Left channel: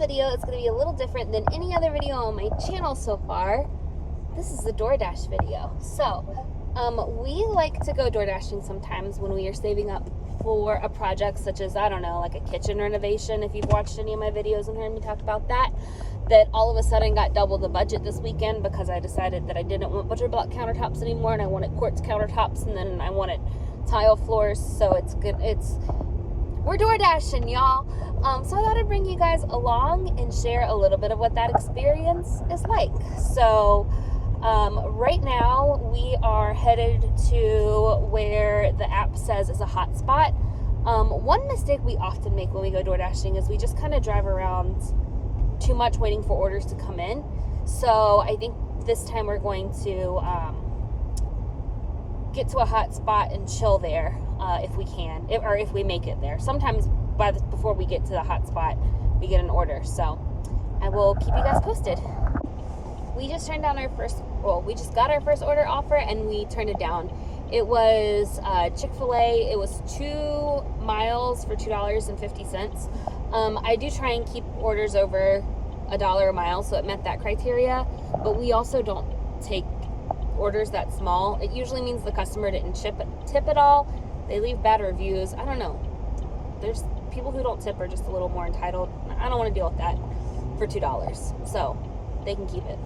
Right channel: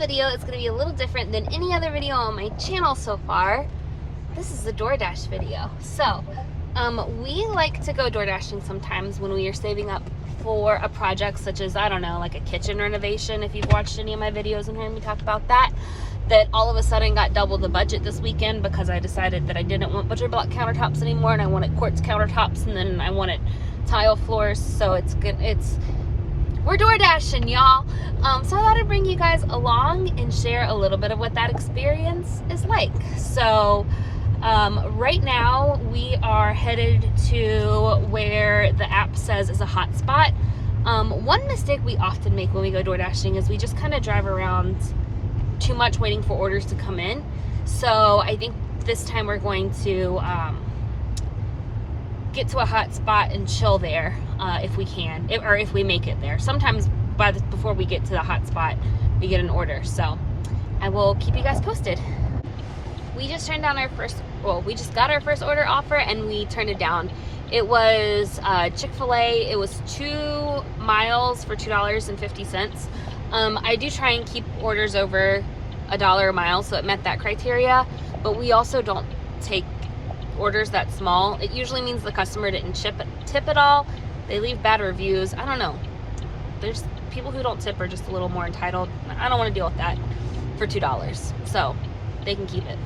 video is going to be a little different than any other video on my channel so far. This is a DoorDash video. So, we like to go door dashing sometimes when we are saving up for a project such as, I don't know, like a kitchen renovation. If you've watched any of my videos and heard me talk about that all of a sudden got double the budget this weekend because I decided that I didn't want butcher block countertops anymore and I wanted quartz countertops, and then I wanted tile floors. So it's good. We're door dashing, y'all. So I thought I'd bring you guys along and share a little bit of what that experience is like. So right now we are headed to where the app says is a hot spot. One mistake we often make when we go door dashing is we just kind of drive around too much waiting for orders to come in. So I think this time we're going to get to a hot spot and chill there if we can, or if we make it there. Sometimes before we get to the hot spot, we get an order. So I will keep you guys posted. We just turned down we just got our first order offer and we turned it down. It was Chick-fil-A. It was 2 miles for $2.50. I do try and keep orders over $1 a mile, so it met that criteria, but we also don't take orders that small. It usually means the customer didn't tip at all. They leave bad reviews. I don't know. There's people who don't tip are just a little more entitled. I don't want to deal with that for $2, so they can keep it.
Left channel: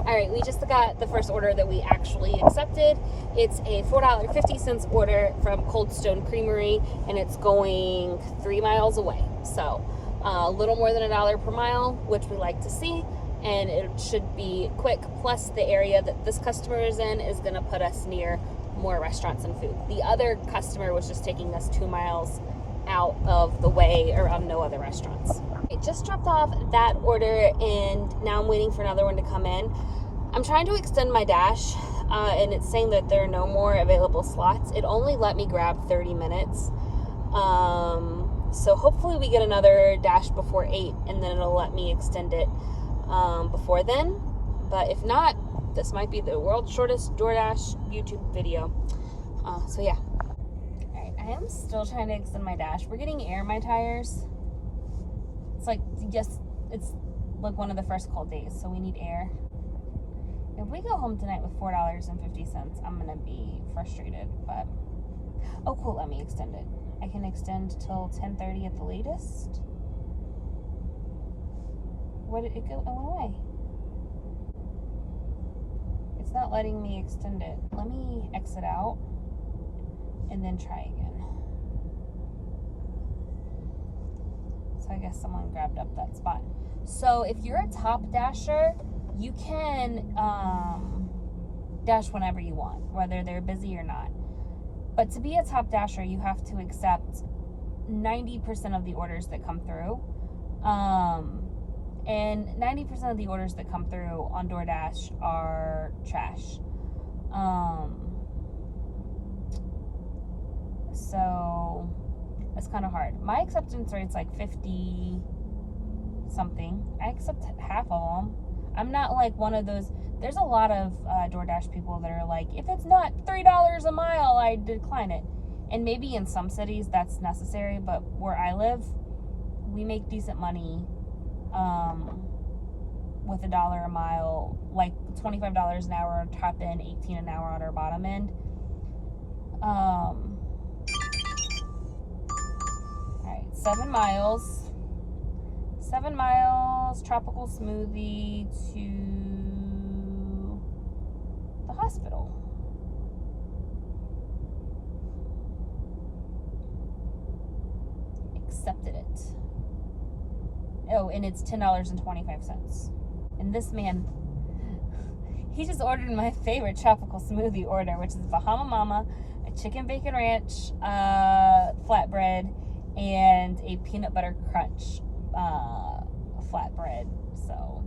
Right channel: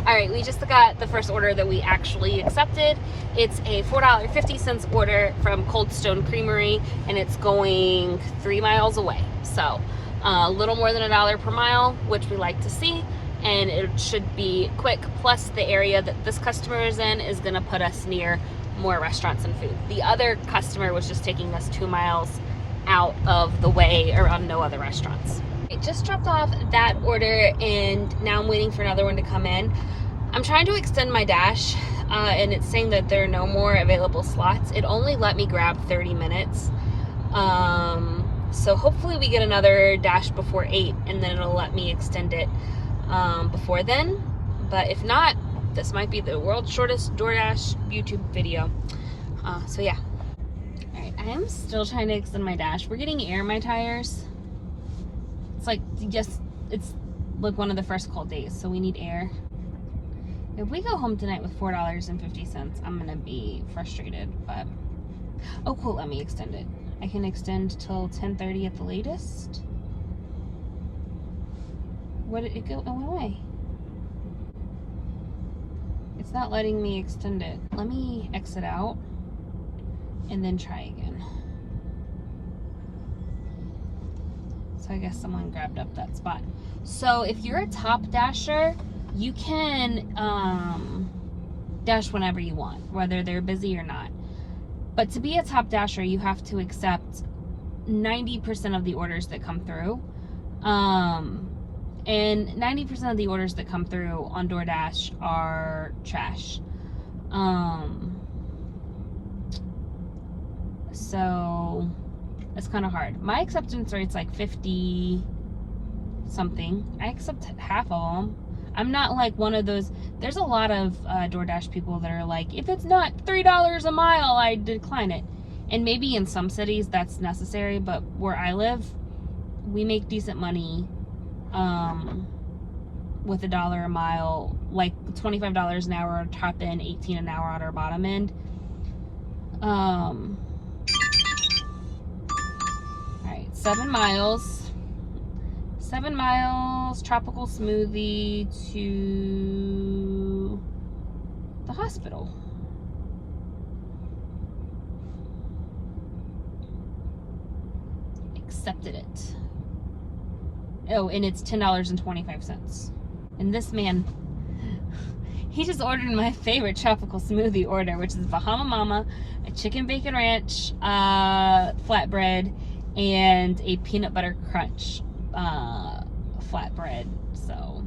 Alright, we just got the first order that we actually accepted. It's a $4.50 order from Cold Stone Creamery, and it's going 3 miles away. So, a little more than $1 per mile, which we like to see, and it should be quick. Plus, the area that this customer is in is going to put us near more restaurants and food. The other customer was just taking us 2 miles out of the way around no other restaurants. I just dropped off that order, and now I'm waiting for another one to come in. I'm trying to extend my dash, and it's saying that there are no more available slots. It only let me grab 30 minutes. So hopefully we get another dash before 8, and then it'll let me extend it before then. But if not, this might be the world's shortest DoorDash YouTube video. So yeah. Alright, I am still trying to extend my dash. We're getting air in my tires. It's like, yes, it's like one of the first cold days, so we need air. If we go home tonight with $4.50, I'm gonna be frustrated, but oh cool, let me extend it. I can extend till 10:30 at the latest. Where did it go? Oh, away. It's not letting me extend it. Let me exit out and then try again. So I guess someone grabbed up that spot. So if you're a top dasher, you can dash whenever you want, whether they're busy or not. But to be a top dasher, you have to accept 90% of the orders that come through. And 90% of the orders that come through on DoorDash are trash. So it's kind of hard. My acceptance rate's like 50 something. I accept half of them. I'm not like one of those. There's a lot of DoorDash people that are like, if it's not $3 a mile, I decline it. And maybe in some cities that's necessary, but where I live, we make decent money with $1 a mile, like $25 an hour top end, 18 an hour on our bottom end. All right, 7 miles. 7 miles, tropical smoothie to the hospital. Accepted it. Oh, and it's $10.25. And this man, he just ordered my favorite tropical smoothie order, which is Bahama Mama, a chicken bacon ranch flatbread, and a peanut butter crunch flatbread. So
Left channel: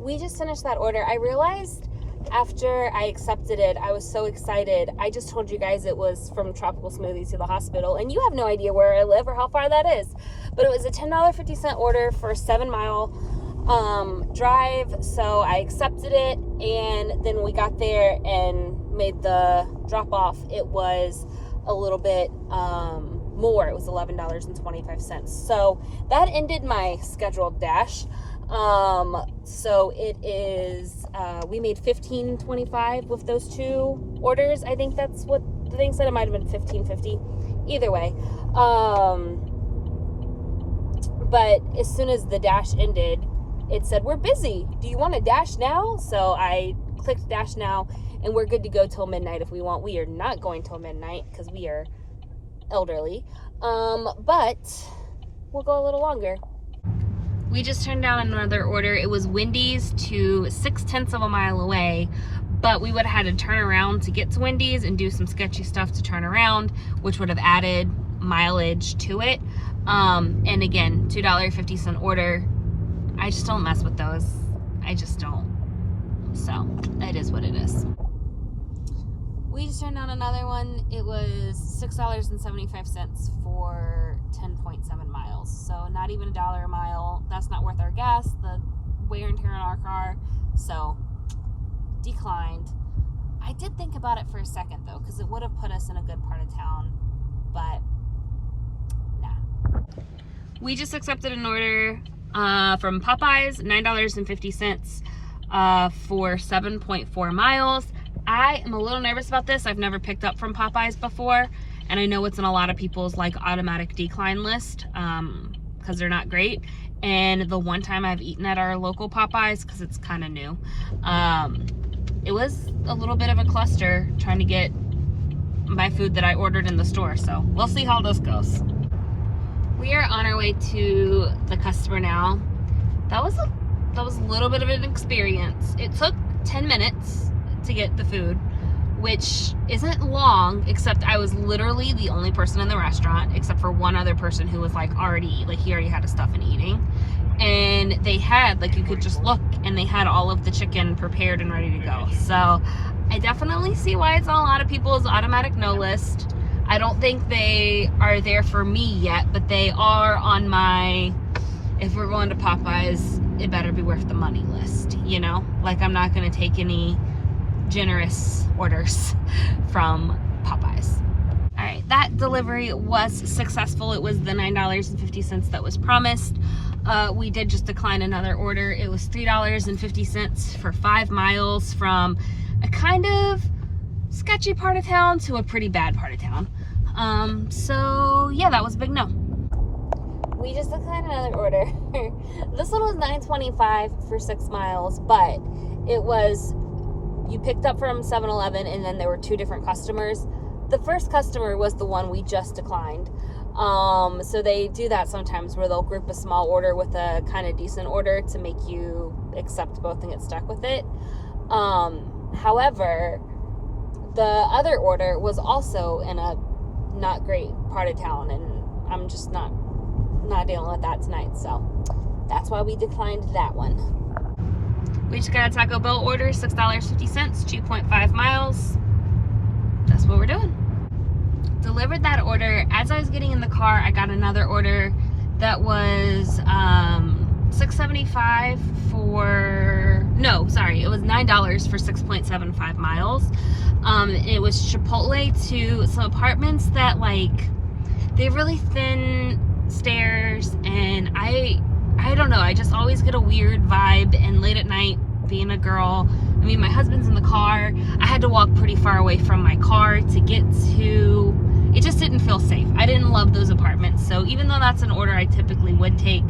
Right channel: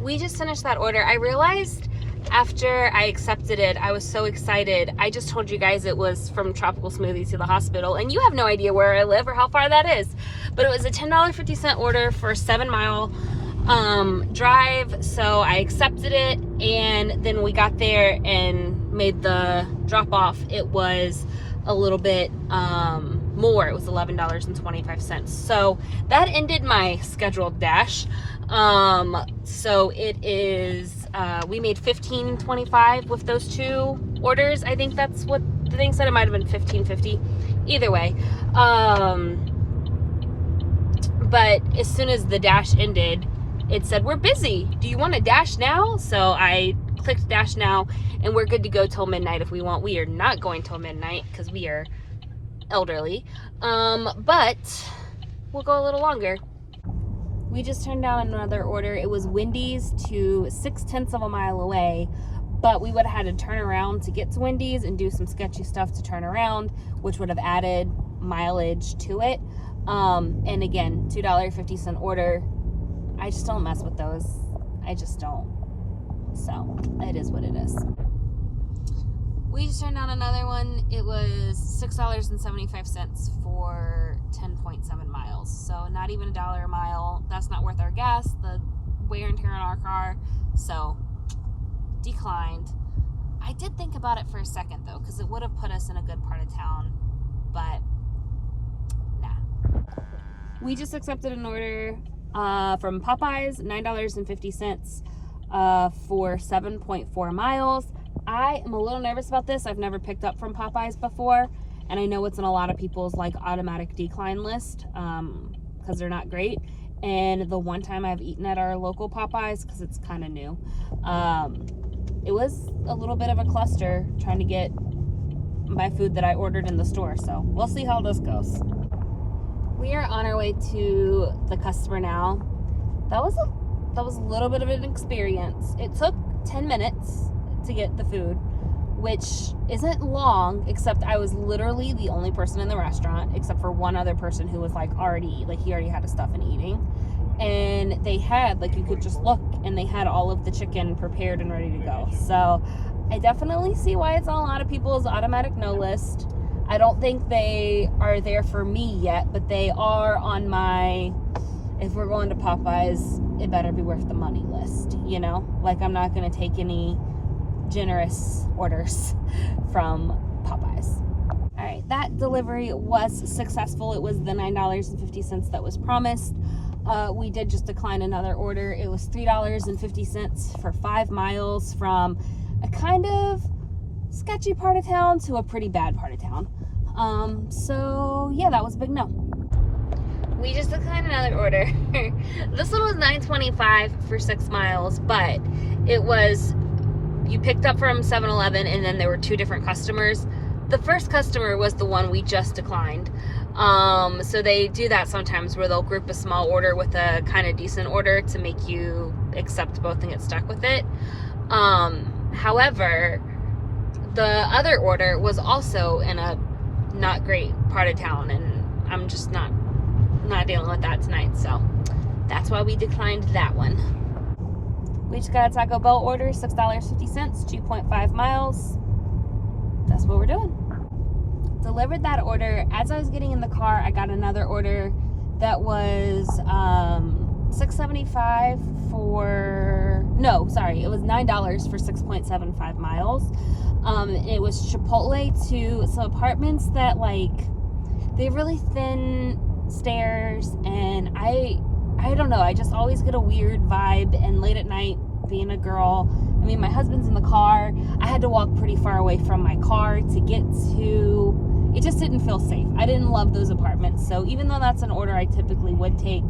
we just finished that order. I realized after I accepted it, I was so excited. I just told you guys it was from Tropical Smoothie to the hospital, and you have no idea where I live or how far that is. But it was a $10.50 order for a 7 mile drive, so I accepted it, and then we got there and made the drop off. It was a little bit more. It was $11.25. So that ended my scheduled dash. So it is, we made $15.25 with those 2 orders. I think that's what the thing said. It might have been $15.50. Either way. But as soon as the dash ended, it said, we're busy. Do you want to dash now? So I clicked dash now, and we're good to go till midnight if we want. We are not going till midnight because we are elderly. But we'll go a little longer. We just turned down another order. It was Wendy's to 0.6 of a mile away, but we would have had to turn around to get to Wendy's and do some sketchy stuff to turn around, which would have added mileage to it. And again, $2.50 order. I just don't mess with those. I just don't. So it is what it is. We just turned down another one. It was $6.75 for 10.7 miles. So not even $1 a mile. That's not worth our gas, the wear and tear on our car. So declined. I did think about it for a second though, because it would have put us in a good part of town, but nah. We just accepted an order from Popeyes, $9.50 for 7.4 miles. I am a little nervous about this. I've never picked up from Popeyes before, and I know it's in a lot of people's like automatic decline list because they're not great. And the one time I've eaten at our local Popeyes, because it's kind of new, it was a little bit of a cluster trying to get my food that I ordered in the store. So we'll see how this goes. We are on our way to the customer now. That was a little bit of an experience. It took 10 minutes to get the food, which isn't long, except I was literally the only person in the restaurant, except for one other person who was he already had his stuff and eating. And they had, you could just look, and they had all of the chicken prepared and ready to go. So I definitely see why it's on a lot of people's automatic no list. I don't think they are there for me yet, but they are on my, if we're going to Popeyes, it better be worth the money list, you know? I'm not going to take any generous orders from Popeyes. All right, that delivery was successful. It was the $9.50 that was promised. We did just decline another order. It was $3.50 for 5 miles from a kind of sketchy part of town to a pretty bad part of town. So yeah, that was a big no. We just declined another order. This one was $9.25 for 6 miles, but it was, you picked up from 7-Eleven, and then there were 2 different customers. The first customer was the one we just declined. So they do that sometimes where they'll group a small order with a kind of decent order to make you accept both and get stuck with it. However, the other order was also in a not great part of town, and I'm just not dealing with that tonight, so that's why we declined that one. We just got a Taco Bell order, $6.50, 2.5 miles. That's what we're doing. Delivered that order. As I was getting in the car, I got another order that was $6.75 for, no, sorry, it was $9 for 6.75 miles. It was Chipotle to some apartments that they have really thin stairs, and I don't know, I just always get a weird vibe. And late at night, being a girl, I mean, my husband's in the car, I had to walk pretty far away from my car to get to, it just didn't feel safe. I didn't love those apartments, so even though that's an order I typically would take,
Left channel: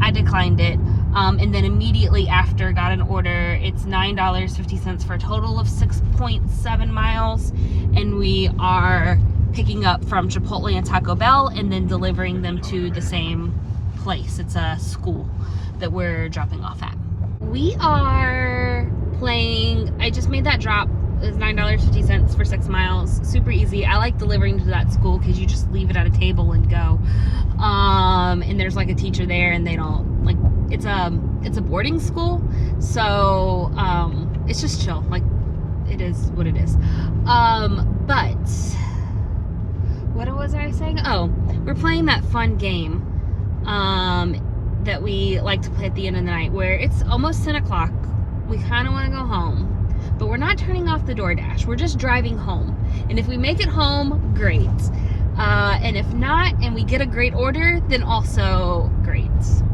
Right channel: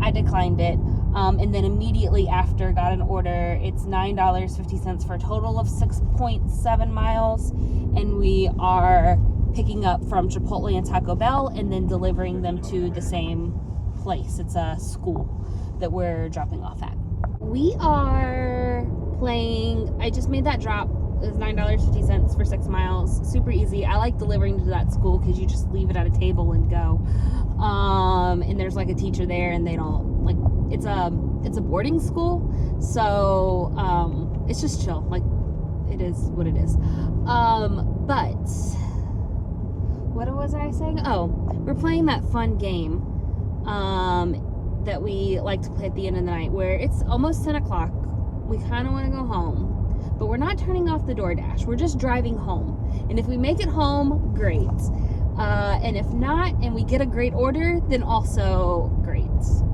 I declined it. And then immediately after, got an order. It's $9.50 for a total of 6.7 miles, and we are picking up from Chipotle and Taco Bell and then delivering them to the same place. It's a school that we're dropping off at. We are playing, I just made that drop. It's $9.50 for 6 miles. Super easy. I like delivering to that school because you just leave it at a table and go. And there's a teacher there, and they don't it's a boarding school, so it's just chill. It is what it is. But what was I saying? Oh, we're playing that fun game that we like to play at the end of the night, where it's almost 10 o'clock. We kind of want to go home, but we're not turning off the DoorDash. We're just driving home. And if we make it home, great. And if not, and we get a great order, then also great.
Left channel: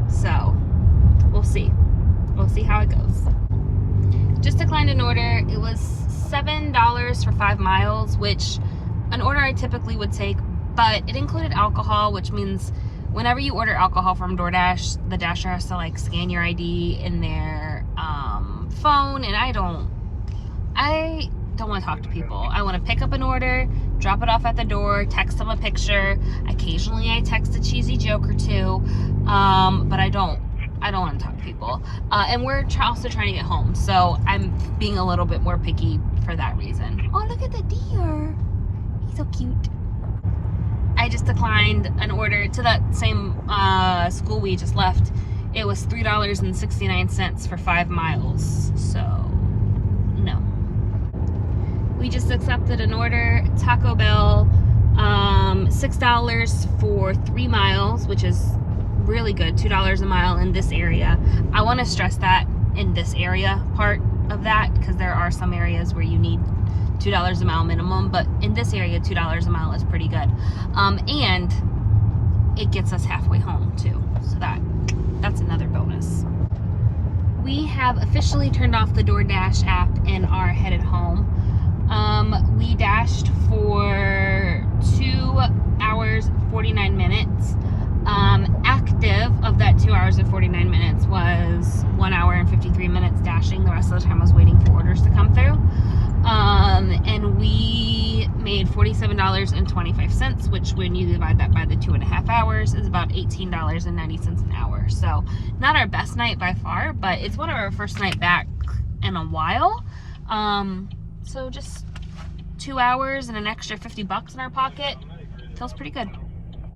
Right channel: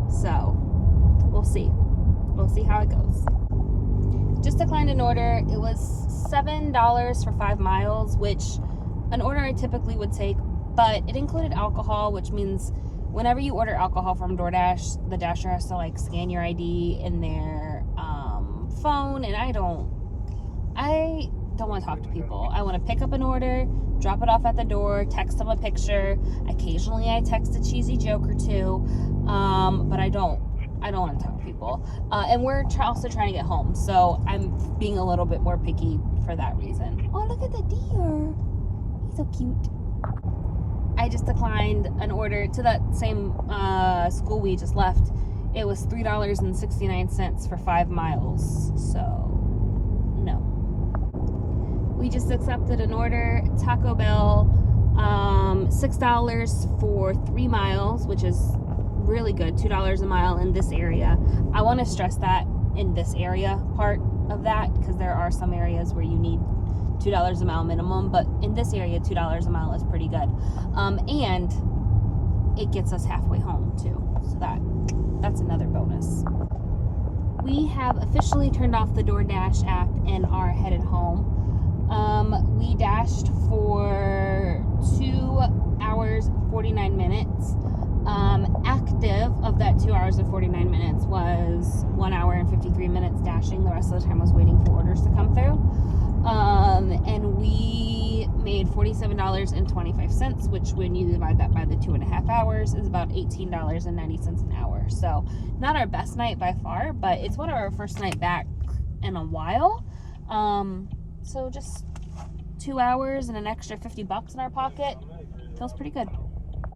So we'll see. We'll see how it goes. Just declined an order. It was $7 for 5 miles, which an order I typically would take, but it included alcohol, which means whenever you order alcohol from DoorDash, the Dasher has to like scan your ID in their phone, and I don't want to talk to people. I want to pick up an order, drop it off at the door, text them a picture. Occasionally I text a cheesy joke or two, but I don't want to talk to people. And we're also trying to get home, so I'm being a little bit more picky for that reason. Oh, look at the deer. He's so cute. I just declined an order to that same school we just left. It was $3.69 for 5 miles, so no. We just accepted an order, Taco Bell, $6 for 3 miles, which is really good, $2 a mile in this area. I want to stress that in this area part of that, because there are some areas where you need $2 a mile minimum, but in this area, $2 a mile is pretty good. And it gets us halfway home too, so that's another bonus. We have officially turned off the DoorDash app and are headed home. We dashed for 2 hours and 49 minutes. Active of that 2 hours and 49 minutes was 1 hour and 53 minutes dashing. The rest of the time I was waiting for orders to come through. And we made $47.25, which when you divide that by the 2.5 hours is about $18.90 an hour. So not our best night by far, but it's one of our first night back in a while. So just 2 hours and an extra $50 in our pocket feels pretty good.